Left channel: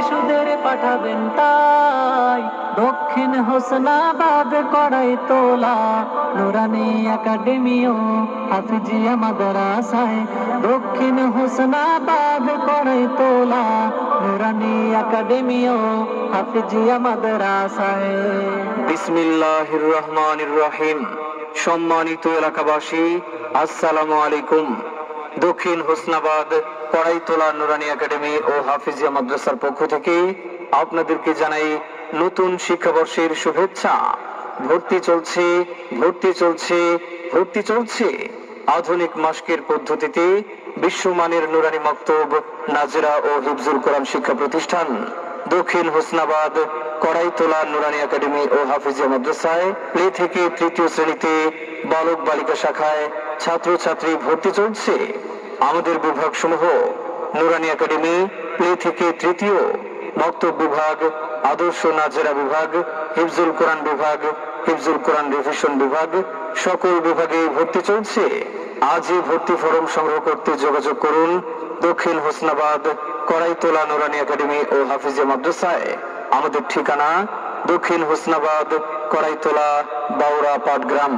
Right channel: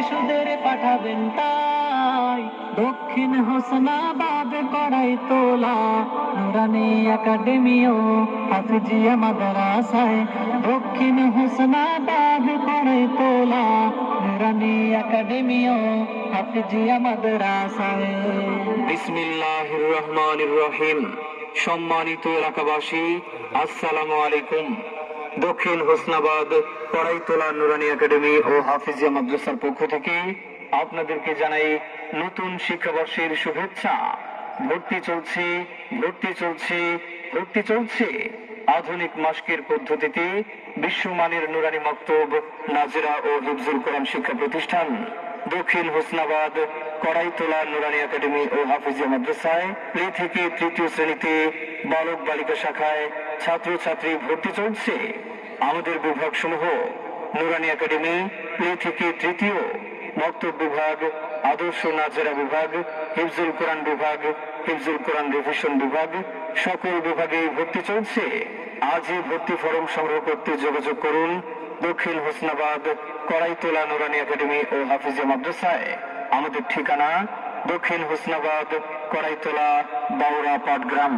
শিশুদের পাঠাবেন তাই দক্ষিণ হোসনাবাদ কড়াইতলা নুরানি একাডেমি ও হাফিজিয়া মাদ্রাসায়। দক্ষিণ হোসনাবাদ কড়াইতলা নুরানি একাডেমি ও হাফিজিয়া মাদ্রাসায়। বিসমিল্লাহির রহমানির রহিম। সম্মানিত এলাকাবাসী, আসসালামু আলাইকুম। দক্ষিণ হোসনাবাদ কড়াইতলা নুরানি একাডেমি ও হাফিজিয়া মাদ্রাসার পক্ষ থেকে আপনাদেরকে জানাই নতুন শিক্ষাবর্ষের শুভেচ্ছা। ভর্তি চলছে, ভর্তি চলছে, ভর্তি চলছে। আধুনিক মাস্কের পদ্ধতিতে বিশ্বমানের নুরানি মক্তব, নাজরা ও হিফজুল কোরআন শিক্ষা প্রতিষ্ঠান দক্ষিণ হোসনাবাদ কড়াইতলা নুরানি একাডেমি ও হাফিজিয়া মাদ্রাসায় প্লে থেকে তৃতীয় শ্রেণীতে বালক বালিকা শাখায় ছাত্রছাত্রী ভর্তি চলছে। আমাদের বিভাগ সমূহ নুরানি একাডেমি প্লে থেকে তৃতীয়, মক্তব বিভাগ, আদর্শ নাজেরা বিভাগ, হিফজুল কোরআন বিভাগ, হিফজুল কোরআন রিভিশন বিভাগ, সকল বিভাগে ভর্তি চলছে। আজই ভর্তি ফরম সংগ্রহ করতে যোগাযোগ করুন দক্ষিণ হোসনাবাদ কড়াইতলা নুরানি একাডেমি ও হাফিজিয়া মাদ্রাসায়। আমাদের ঠিকানা দক্ষিণ হোসনাবাদ কড়াইতলা বাউরা পাটগ্রাম।